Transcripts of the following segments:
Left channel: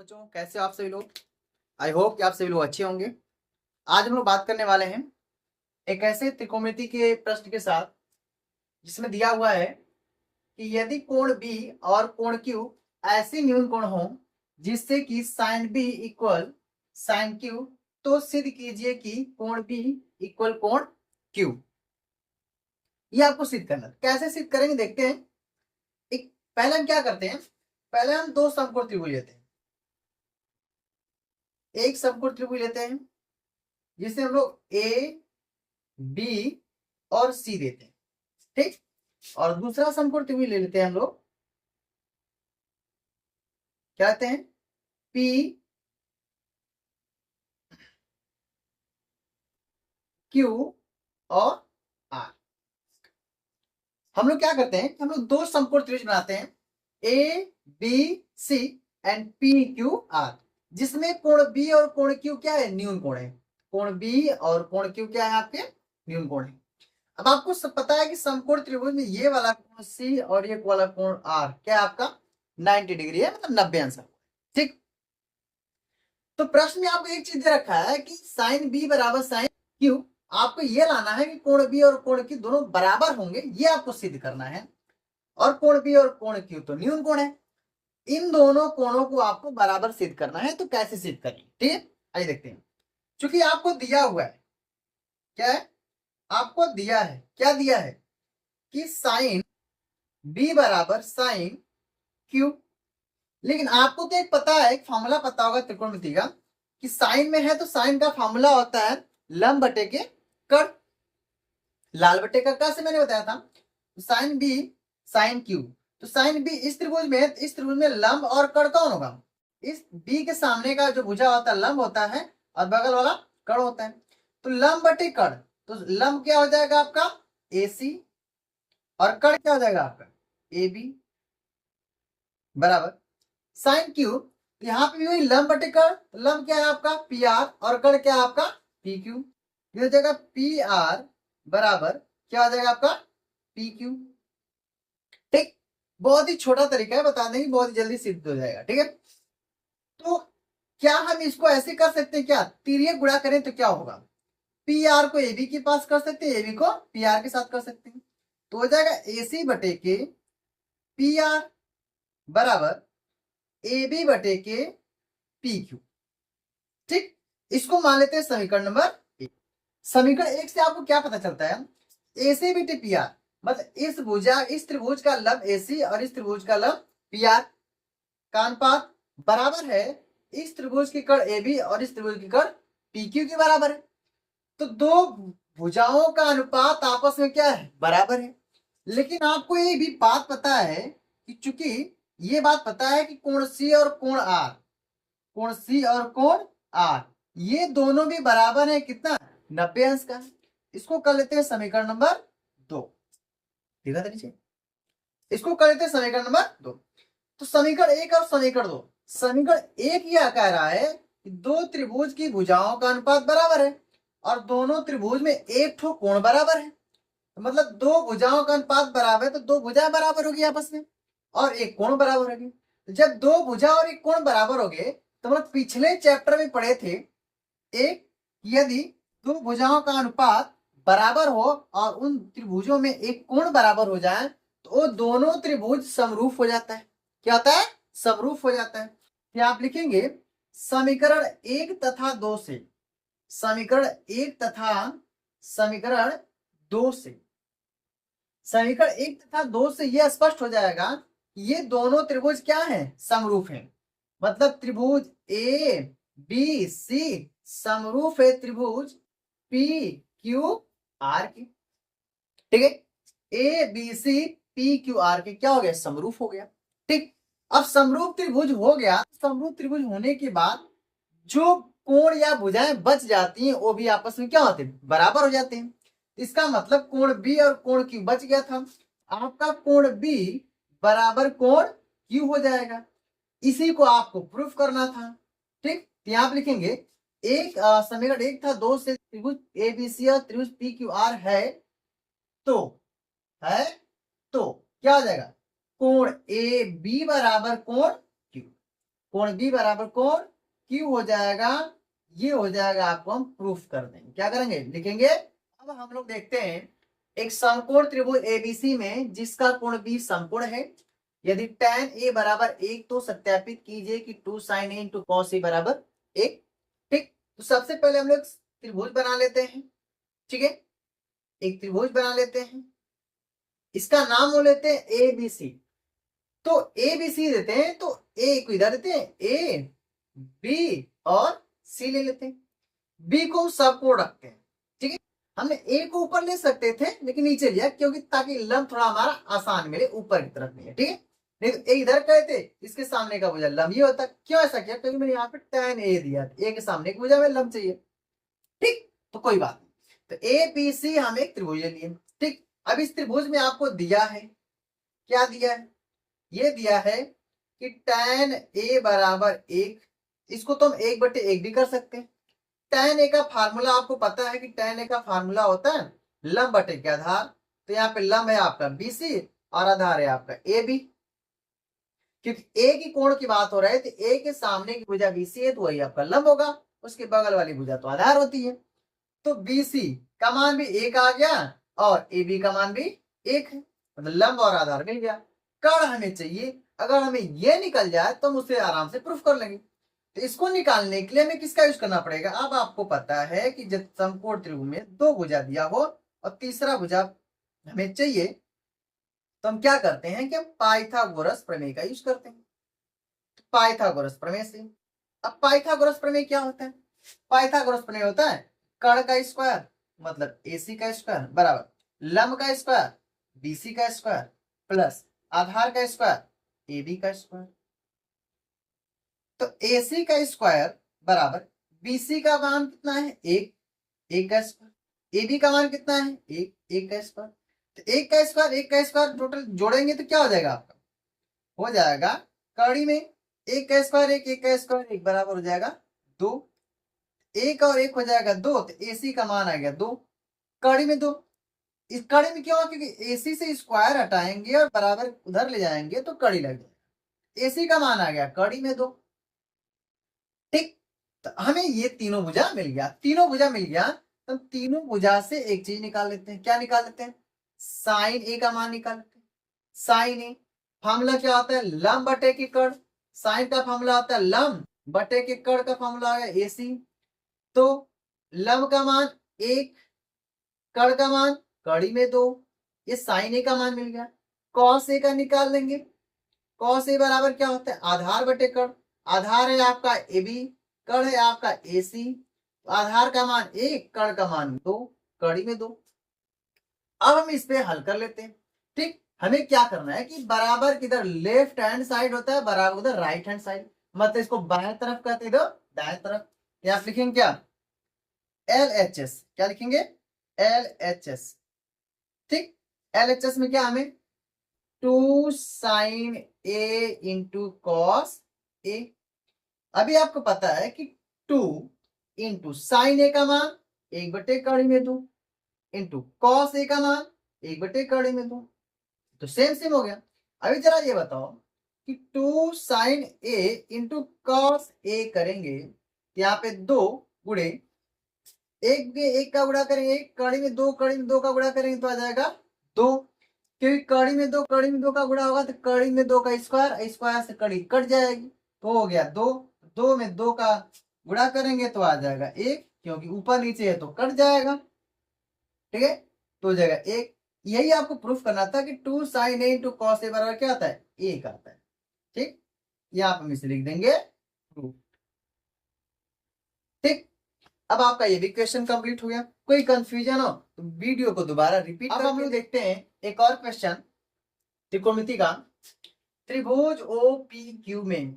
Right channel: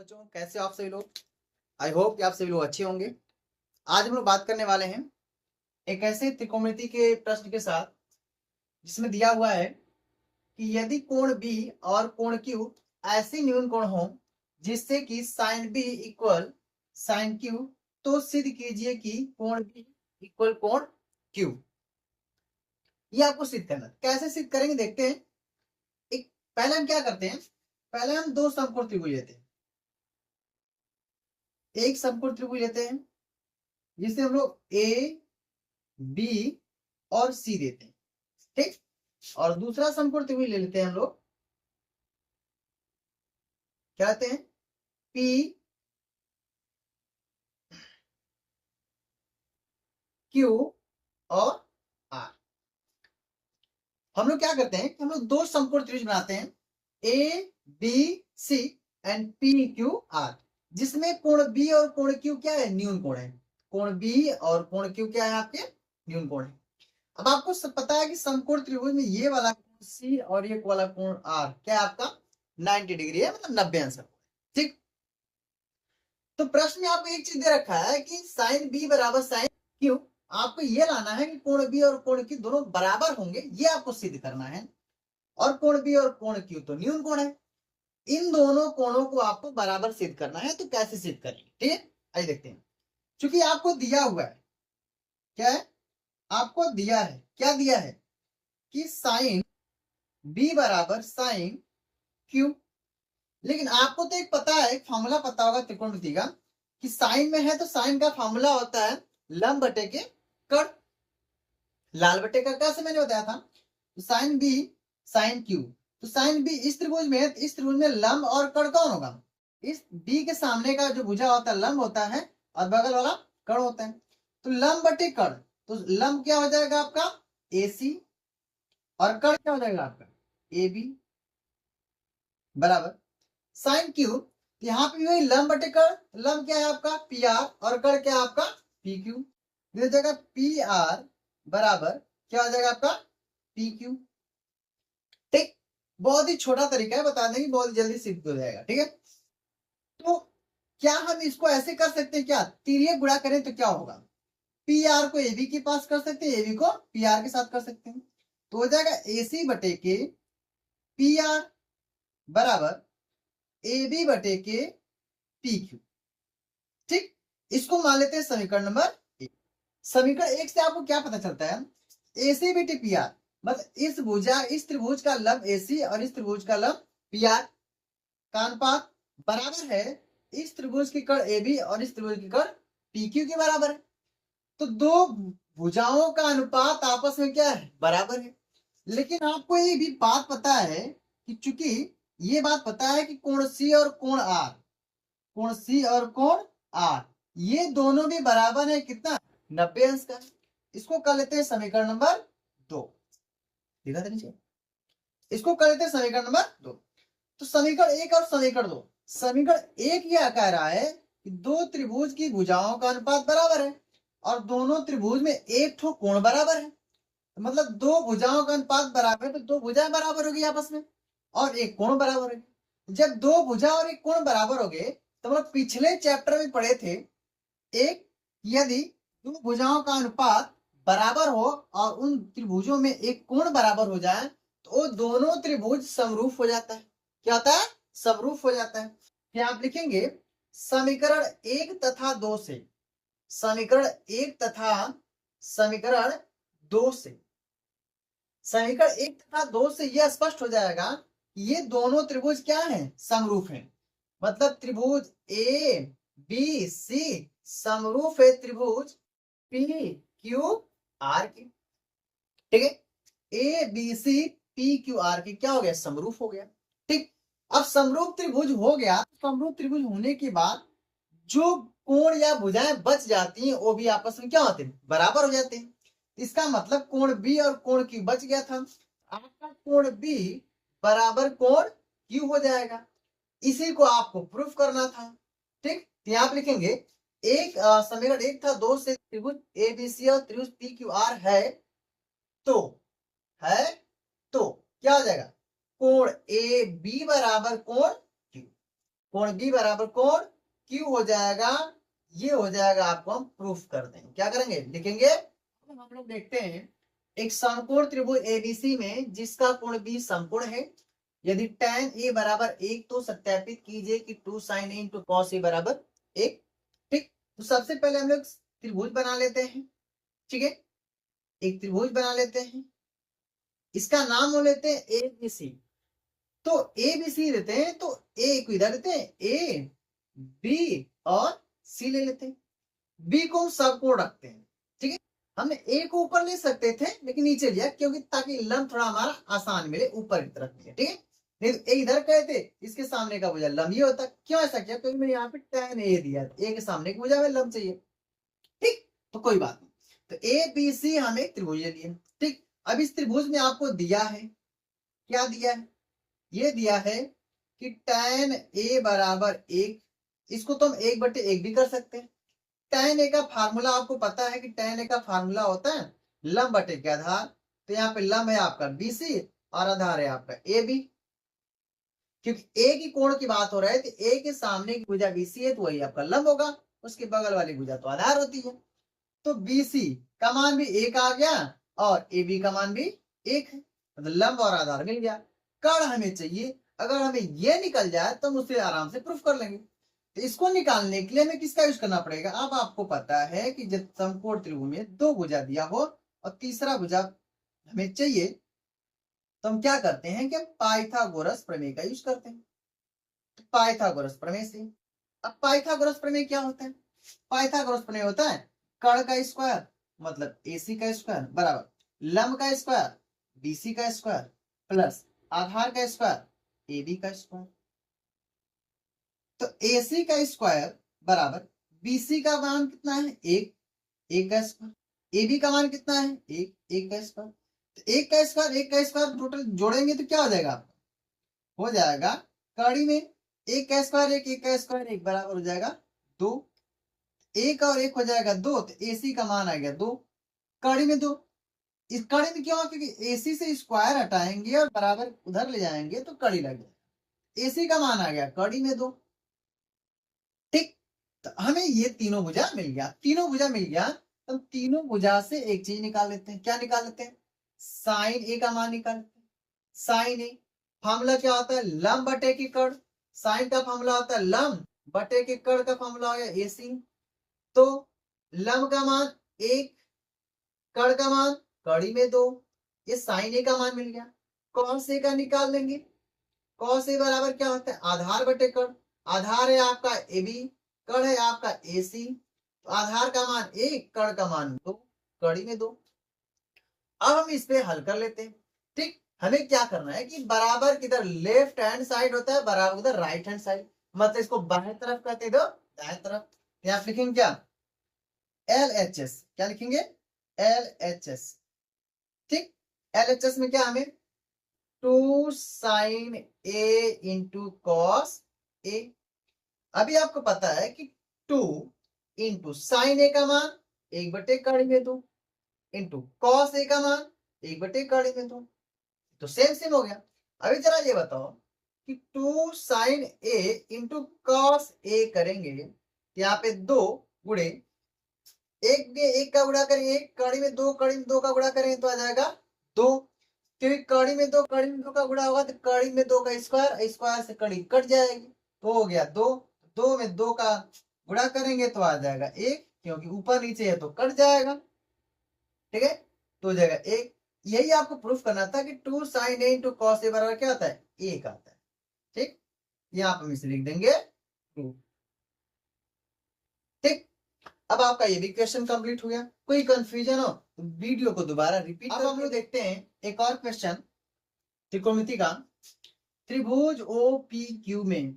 बच्चों, कैसे हो आप सभी लोग। आई होप कि आप सभी लोग अच्छे होंगे। आज हम लोग बात करने वाले हैं एक ऐसे त्रिकोणमिति के प्रश्न के साथ जिसमें दिया हुआ है कि यदि कोण बी और कोण क्यू ऐसे न्यून कोण हो जिससे कि sine B equal sine Q, तो सिद्ध कीजिए कि कोण बी इक्वल कोण क्यू। ये आपको सिद्ध करना है। कैसे सिद्ध करेंगे देखते हैं। एक पहले हम क्या करते हैं, पहले हम दो समकोण त्रिभुज लेते हैं। एक समकोण त्रिभुज लेते हैं जिसे हम लोग ए बी और सी देते हैं, ठीक। और दूसरा समकोण त्रिभुज ले लेते हैं हम लोग, क्या कहते हैं, पी क्यू और आर। हम लोग क्या करते हैं, हम लोग दो समकोण त्रिभुज बनाते हैं, A B C and P Q R, जिसमें कोण बी और कोण क्यू क्या है, न्यून कोण है। कोण बी और कोण क्यू क्या है, आपके न्यून कोण है। अब आपको सब पता है कि समकोण त्रिभुज में ये वाला कोण सी और ये वाला कोण आर क्या है, आपका 90 डिग्री है, मतलब 90 आंसर, ठीक। तो प्रश्न में आपको एक चीज दे रखा है कि साइन बी बराबर साइन क्यू। आपको ये लाना है कि कोण बी और कोण क्यू दोनों बराबर होंगे, ये आपको सिद्ध करना है। और कोण बी और कोण क्यू तो न्यून कोण है, इन दोनों कोणों को आपको बराबर सिद्ध करना है। तो कैसे सिद्ध करेंगे, ठीक है, आइए देखते हैं। क्योंकि आपको दिया हुआ है, क्या है, आपको दिया है, क्या दिया है कि साइन बी बराबर साइन क्यू। लेकिन आपको तो एक पता है, एक फॉर्मूला पता होगा त्रिकोणमिति का, कि साइन में है तो साइन का फॉर्मूला होता है लंब बटे के कर्ण, लाल बटे का कर्ण से मैंने बताया था। तो साइन बी साइन क्यू, तो साइन बी इस त्रिभुज में है, तो इस त्रिभुज में लंब और कर्ण कौन होगा, इस बी के सामने का जो भुजा होता है लंब होता है और बगल वाला कर्ण होता है। तो लंब बटे कर्ण, तो लंब क्या हो जाएगा आपका ए सी और कर्ण क्या हो जाएगा आपका ए बी बराबर साइन क्यू। यहाँ पे भी वही लंब बटे कर्ण, लंब क्या है आपका पी आर और कर्ण क्या है आपका पी क्यू। ये हो जाएगा पी आर बराबर क्या हो जाएगा आपका पी क्यू, ठीक। बहुत ही छोटा तरीका है, बता देंगे बहुत ही जल्दी सिद्ध हो जाएगा, ठीक है। तो क्या हम इसको ऐसे कर सकते हैं, क्या तिर्यक गुणा करें तो क्या होगा, पी आर को ए बी के पास कर सकते हैं, ए बी को पी आर के साथ कर सकते हैं। तो हो जाएगा ए सी बटे के पी आर बराबर ए बी बटे के पी क्यू, ठीक। इसको मान लेते हैं समीकरण नंबर एक। समीकरण एक से आपको क्या पता चलता है, ए सी बटे पी आर, मतलब इस त्रिभुज का लंब ए सी और इस त्रिभुज का लंब पी आर का अनुपात बराबर है इस त्रिभुज की कर्ण ए बी और इस त्रिभुज की कर्ण पी क्यू के बराबर है। तो दो भुजाओं का अनुपात आपस में क्या है, बराबर है। लेकिन आपको ये भी बात पता है कि चूंकि ये बात पता है कि कोण सी और कोण आर, कोण सी और कोण आर ये दोनों भी बराबर है कितना, 90 अंश का। इसको कर लेते हैं समीकरण नंबर 2, देखा था नीचे, इसको कर लेते हैं समीकरण नंबर 2। तो समीकरण एक और समीकरण 2, समीकरण एक यह कह रहा है कि दो त्रिभुज की भुजाओं का अनुपात बराबर है और दोनों त्रिभुज में एक ठो कोण बराबर है। तो मतलब दो भुजाओं का अनुपात बराबर है तो दो भुजाएं बराबर होगी आपस में और एक कोण बराबर होगी। जब दो भुजा और एक कोण बराबर हो गए तो मतलब पिछले चैप्टर में पढ़े थे एक, यदि दो भुजाओं का अनुपात बराबर हो और उन त्रिभुजों में एक कोण बराबर हो जाए तो वो दोनों त्रिभुज समरूप हो जाता है। क्या होता है, समरूप हो जाता है। क्या आप लिखेंगे समीकरण एक तथा दो से, समीकरण एक तथा समीकरण दो से, समीकरण एक तथा दो से यह स्पष्ट हो जाएगा कि ये दोनों त्रिभुज क्या हैं, समरूप हैं। मतलब त्रिभुज ए बी सी समरूप है त्रिभुज पी क्यू आर के, ठीक है। A B C P Q R के क्या हो गया, समरूप हो गया, ठीक। अब समरूप त्रिभुज हो गया, समरूप त्रिभुज होने के बाद जो कोण या भुजाएं बच जाती हैं वो भी आपस में क्या होते हैं, बराबर हो जाते हैं। इसका मतलब कोण बी और कोण क्यू बच गया था, आपका कोण बी बराबर कोण क्यू हो जाएगा। इसी को आपको प्रूफ करना था, ठीक। तो आप लिखेंगे एक समीकरण एक था दो से त्रिभुज ए बी सी और त्रिभुज पी क्यू आर है तो क्या हो जाएगा, कोण ए बी बराबर कोण क्यू। कोण बी बराबर कोण क्यू हो जाएगा, ये हो जाएगा, आपको हम प्रूफ कर देंगे। क्या करेंगे, लिखेंगे। अब हम लोग देखते हैं एक समकोण त्रिभुज एबीसी में जिसका कोण बी समकोण है, यदि tan ए बराबर 1 तो सत्यापित कीजिए कि 2 sin A into cos A बराबर 1। ठीक, तो सबसे पहले हम लोग त्रिभुज बना लेते हैं। ठीक है, एक त्रिभुज बना लेते हैं, इसका नाम हो लेते हैं ए बी सी। तो ए बी सी देते हैं तो ए को इधर देते हैं, ए बी और सी ले लेते हैं, बी को हम सबकोण रखते हैं। ठीक है, हमने ए को ऊपर ले सकते थे लेकिन नीचे लिया क्योंकि ताकि लंब थोड़ा हमारा आसान मिले, ऊपर की तरफ नहीं है। ठीक है, नहीं तो ए इधर कहते, इसके सामने का भुजा लंब ये होता। क्यों ऐसा किया, क्योंकि मैंने यहाँ पे tan ए दिया, ए के सामने का भुजा में लंब चाहिए। ठीक, तो कोई बात नहीं, तो ए बी सी हम एक त्रिभुज ले लिए। ठीक, अब इस त्रिभुज में आपको दिया है, क्या दिया है, ये दिया है कि tan ए बराबर 1, इसको तो हम 1/1 भी कर सकते हैं। tan ए का फार्मूला आपको पता है कि tan ए का फार्मूला होता है लंब बटे के आधार। तो यहाँ पे लंब है आपका BC और आधार है आपका AB, क्योंकि ए की कोण की बात हो रहा है तो ए के सामने की भुजा BC है तो वही आपका लंब होगा, उसके बगल वाली भुजा तो आधार होती है। तो BC का मान भी 1 आ गया और AB का मान भी 1 है, मतलब लंब और आधार मिल गया। कर्ण हमें चाहिए, अगर हमें ये निकल जाए तो हम उसे आराम से प्रूफ कर लेंगे। तो इसको निकालने के लिए हमें किसका यूज करना पड़ेगा, अब आपको पता है कि जब समकोण त्रिभुज में 2 भुजा दिया हो और तीसरा भुजा हमें चाहिए तो हम क्या करते हैं कि हम पाइथागोरस प्रमेय का यूज करते हैं। तो पाइथागोरस प्रमेय से, अब पाइथागोरस प्रमेय क्या होता है, पाइथागोरस प्रमेय होता है कर्ण का स्क्वायर मतलब AC का स्क्वायर बराबर लंब का स्क्वायर BC का स्क्वायर प्लस आधार का स्क्वायर AB का स्क्वायर। तो AC का स्क्वायर बराबर BC का मान कितना है 1, 1 का स्क्वायर, AB का मान कितना है 1, 1 का स्क्वायर। तो 1 का स्क्वायर 1 का स्क्वायर टोटल जोड़ेंगे तो क्या हो जाएगा आपका, हो जाएगा कड़ी में 1 का स्क्वायर 1, 1 का स्क्वायर 1 बराबर हो जाएगा 2, 1 और 1 हो जाएगा 2, तो AC का मान आ गया 2, कड़ी में 2। इस कड़ी में क्यों, क्योंकि AC से स्क्वायर हटाएंगे और बराबर उधर ले जाएंगे तो कड़ी लग जाएगा, AC का मान आ गया कड़ी में 2। ठीक, तो हमें ये तीनों भुजा मिल गया, तीनों भुजा मिल गया तो तीनों भुजा से एक चीज निकाल लेते हैं। क्या निकाल लेते हैं, साइन ए का मान निकाल लेते हैं। साइन ए फार्मूला क्या होता है, लंब बटे की कर्ण, साइन का फार्मूला होता है लंब बटे के कर्ण का फार्मूला है AC। तो लंब का मान 1, कर्ण का मान कड़ी में 2, ये साइन ए का मान मिल गया। कॉस ए का निकाल लेंगे, कॉस ए बराबर क्या होता है आधार बटे कर्ण, आधार है आपका AB, कर्ण है आपका AC। तो आधार का मान 1, कर्ण का मान 2, कड़ी में 2। अब हम इस पे हल कर लेते हैं। ठीक, हमें क्या करना है कि बराबर किधर लेफ्ट हैंड साइड होता है बराबर उधर राइट हैंड साइड, मतलब इसको बाएं तरफ कहते हैं, दाएं तरफ। यहाँ लिखेंगे क्या LHS, क्या लिखेंगे LHS। ठीक, LHS में क्या हमें 2 sin A into cos A। अभी आपको पता है कि 2 इंटू साइन ए का मान 1/कड़ी में 2 इंटू कॉस ए का मान 1/कड़ी में 2, तो सेम सेम हो गया। अभी जरा ये बताओ कि 2 sin A into cos A करेंगे, यहाँ पे 2 गुणे 1 का गुणा करेंगे 1, कड़ी में 2, कड़ी में 2 का गुणा करेंगे तो आ जाएगा 2, क्योंकि कड़ी में 2, कड़ी में 2 का गुणा होगा तो कड़ी में 2 का स्क्वायर, स्क्वायर से कड़ी कट जाएगी तो हो गया 2, 2 में 2 का गुणा करेंगे तो आ जाएगा 1, क्योंकि ऊपर नीचे है तो कट जाएगा। ठीक है, तो हो जाएगा 1। यही आपको प्रूफ करना था कि 2 sin A into cos A बराबर क्या आता है 1 आता है। ठीक, यहाँ पर हम इसे लिख देंगे प्रूफ। ठीक, अब आपका ये भी क्वेश्चन कंप्लीट हो गया। कोई कंफ्यूजन हो तो वीडियो को दोबारा रिपीट अब हम लोग देखते हैं एक और क्वेश्चन त्रिकोणमिति का। त्रिभुज OPQ में,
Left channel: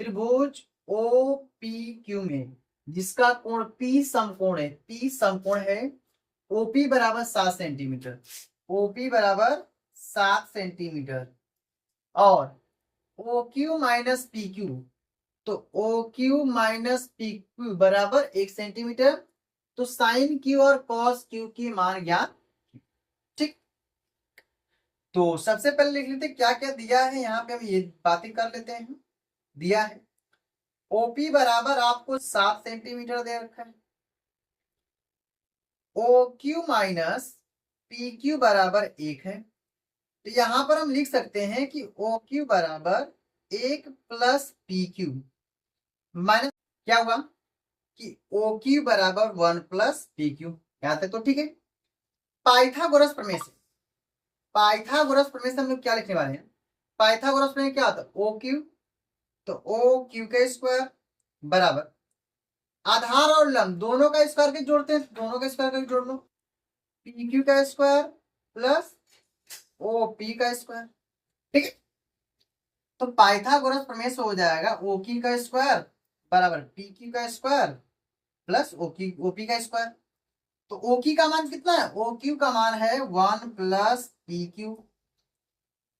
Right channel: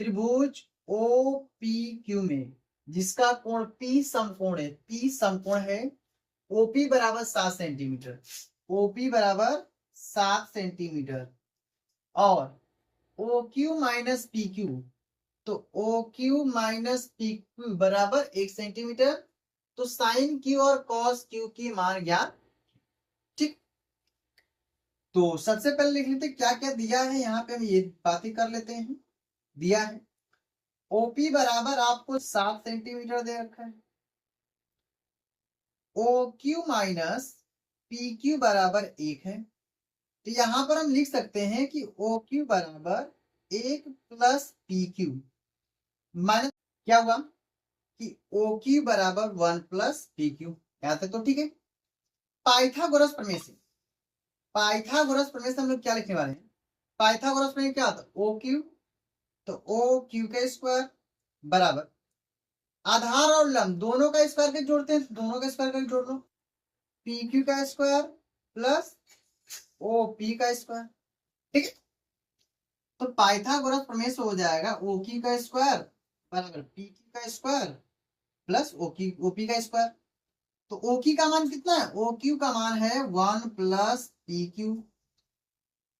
त्रिभुज OPQ में जिसका कोण P समकोण है, P समकोण है, OP बराबर 7 सेंटीमीटर, OP बराबर 7 सेंटीमीटर और OQ माइनस PQ, तो OQ माइनस PQ बराबर 1 सेंटीमीटर। तो साइन Q और कॉस Q की मान ज्ञात। ठीक, तो सबसे पहले लिख लेते क्या क्या दिया है, यहाँ पे हम ये बातें कर लेते हैं। दिया है ओपी बराबर आपको 7 सेंटीमीटर दे रखा है, O Q minus P Q बराबर 1 है। तो यहां पर हम लिख सकते हैं कि ओ क्यू बराबर 1 प्लस पी क्यू माइनस क्या हुआ कि ओ क्यू बराबर 1 प्लस पी क्यू। यहां तक तो ठीक है। पाइथागोरस प्रमेय से, पाइथागोरस प्रमेय से हम लोग क्या लिखने वाले हैं? पाइथागोरस प्रमेय क्या होता है? ओ क्यू, तो ओ क्यू का स्क्वायर बराबर आधार और लंब दोनों का स्क्वायर भी जोड़ते हैं, दोनों का स्क्वायर करके जोड़ लो, पी क्यू का स्क्वायर प्लस ओ पी का स्क्वायर। ठीक है, तो पाइथागोरस प्रमेय से हो जाएगा ओ क्यू का स्क्वायर बराबर पी क्यू का स्क्वायर प्लस ओ पी का स्क्वायर। तो ओ क्यू का मान कितना है? ओ क्यू का मान है 1 प्लस पी क्यू।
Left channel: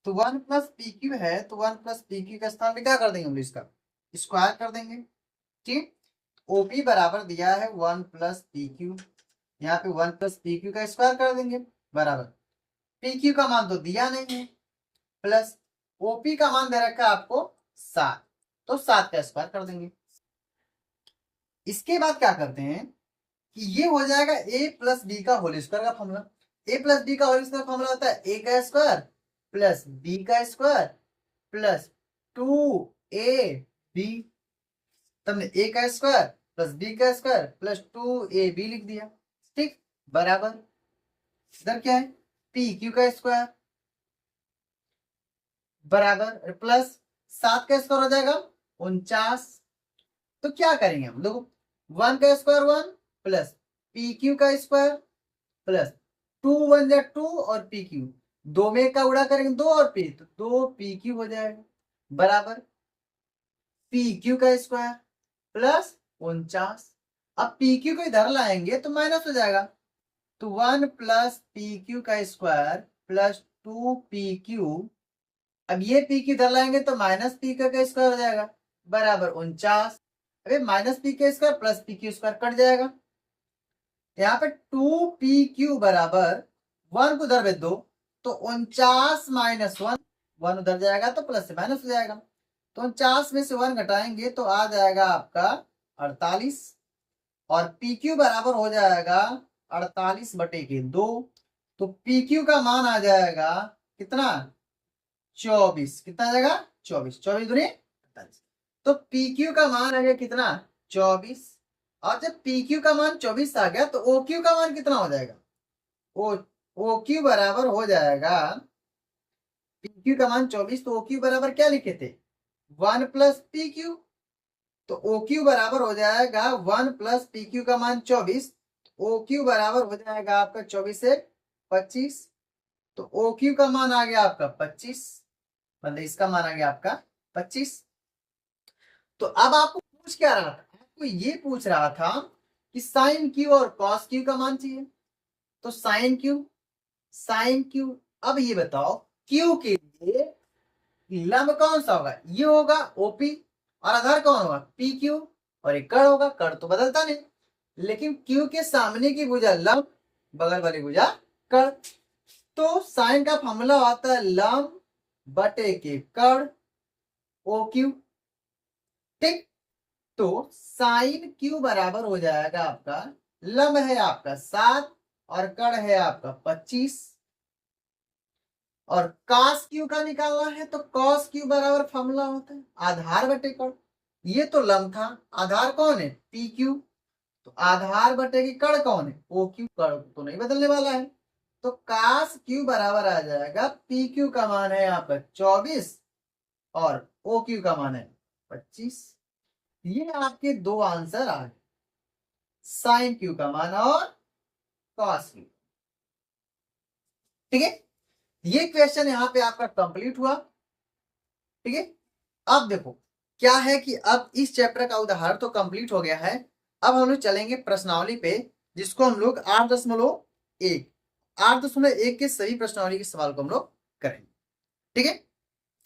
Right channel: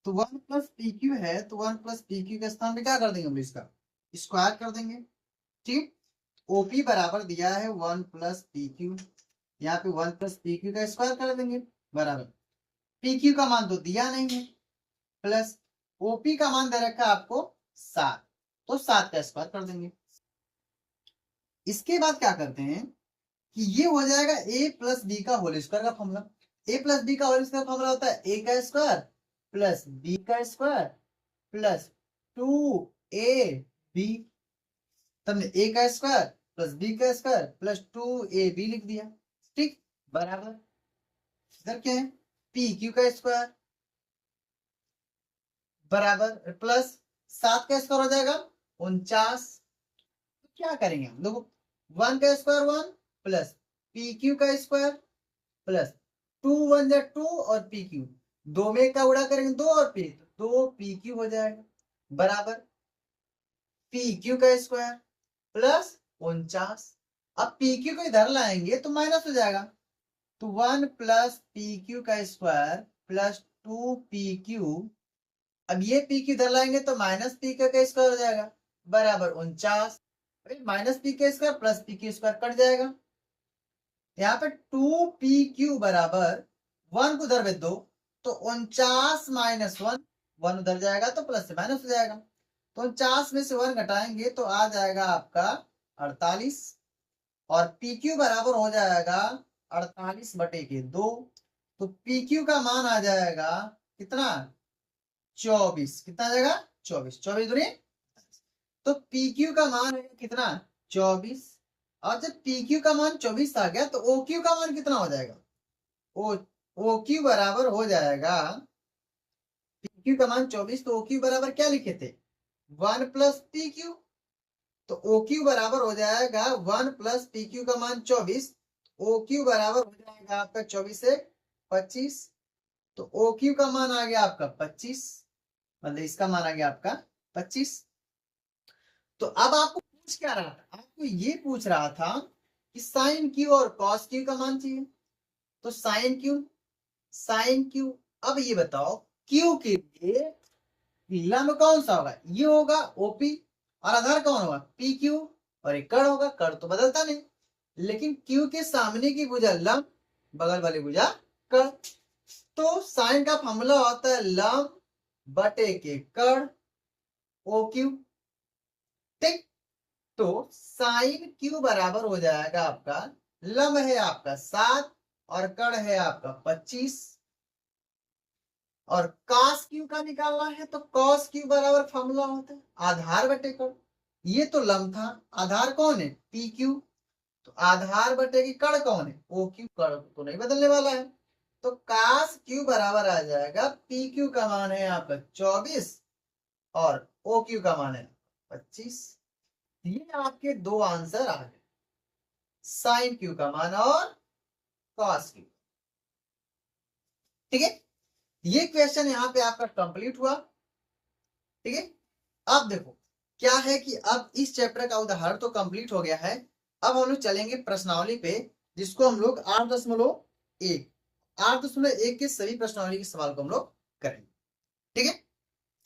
तो 1 प्लस पी क्यू है, तो 1 प्लस पी क्यू का स्थान पे क्या कर देंगे हम लोग? इसका स्क्वायर कर देंगे। ठीक, ओपी बराबर दिया है 1 प्लस पी क्यू, यहाँ पे 1 प्लस पी क्यू का स्क्वायर कर देंगे बराबर पी क्यू का मान तो दिया नहीं है, प्लस ओपी का मान दे रखा है आपको 7, तो 7 का स्क्वायर कर देंगे। इसके बाद क्या करते हैं कि ये हो जाएगा ए प्लस बी का होल स्क्वायर का फॉर्मूला। ए प्लस बी का होल स्क्वायर फॉर्मूला होता है ए का स्क्वायर प्लस बी का स्क्वायर प्लस 2ab। तुमने ए का स्क्वायर प्लस बी का स्क्वायर प्लस 2ab लिख दिया। ठीक, बराबर इधर क्या है? पी क्यू का स्क्वायर बराबर प्लस 7 का स्क्वायर हो जाएगा 49। तो क्या करेंगे हम? देखो 1 का स्क्वायर 1 प्लस पी क्यू का स्क्वायर प्लस 2 1 जा 2 और पी क्यू, दो में का उड़ा करेंगे 2 और पी, तो 2 पी क्यू हो जाएगा बराबर पी क्यू का स्क्वायर प्लस 49। अब पी क्यू को इधर लाएंगे तो माइनस हो जाएगा, तो 1 प्लस पी क्यू का स्क्वायर प्लस 2 पी क्यू। अब ये पी क्यू इधर लाएंगे तो माइनस पी का स्क्वायर हो जाएगा बराबर 49। अरे माइनस पी का square plus P Q square cut जाएगा। यहाँ पे 2 पी क्यू बराबर 1 को उधर भेज दो तो 49 माइनस 1, 1 उधर जाएगा तो प्लस से माइनस हो जाएगा, तो 49 में से 1 घटाएंगे तो आ जाएगा आपका 48 और पी क्यू बराबर हो जाएगा 48 बटे के 2। तो पी क्यू का मान आ जाएगा कितना? 24। कितना आ जाएगा? 24। 24 दूनी 48, तो पी क्यू का मान आ गया कितना? 24। और जब पी क्यू का मान 24 आ गया तो ओ क्यू का मान कितना हो जाएगा? ओ क्यू बराबर हो जाएगा, पी क्यू का मान 24, तो ओ क्यू बराबर क्या लिखे थे? 1 प्लस पी क्यू। तो ओ क्यू बराबर हो जाएगा 1 प्लस पी क्यू का मान 24। ओ क्यू बराबर हो जाएगा आपका 24 से 25, तो ओ क्यू का मान आ गया आपका 25, मतलब इसका मान आ गया आपका 25। तो अब आपको पूछ क्या रहा था? आपको ये पूछ रहा था कि साइन क्यू और कॉस क्यू का मान चाहिए। तो साइन क्यू, साइन क्यू। अब ये बताओ क्यू के लिए लंब कौन सा होगा? ये होगा ओपी, और आधार कौन होगा? पी क्यू, और एक कर्ण होगा। कर्ण तो बदलता नहीं, लेकिन क्यू के सामने की भुजा लंब, बगल वाली भुजा कर्ण। तो साइन का फॉर्मूला होता है लंब बटे के कर्ण ओ क्यू। ठीक, तो साइन क्यू बराबर हो जाएगा आपका, लंब है आपका 7 और कर्ण है आपका 25, और कॉस क्यू का निकालना है तो कॉस क्यू बराबर फॉर्मूला होता है आधार बटे कर्ण। ये तो लंब था, आधार कौन है? पी क्यू, तो आधार बटे की कर्ण कौन है? O Q. कर्ण तो नहीं बदलने वाला है, तो कॉस क्यू बराबर आ जाएगा, पी क्यू का मान है आपका 24 और ओ क्यू का मान है 25। ये आपके दो आंसर आ गए, साइन क्यू का मान और कॉस क्यू। ठीक है, ये क्वेश्चन यहाँ पे आपका कंप्लीट हुआ। ठीक है, अब देखो क्या है कि अब इस चैप्टर का उदाहरण तो कंप्लीट हो गया है। अब हम लोग चलेंगे प्रश्नावली पे, जिसको हम लोग 8.1 के सभी प्रश्नावली के सवाल को हम लोग करेंगे। ठीक है,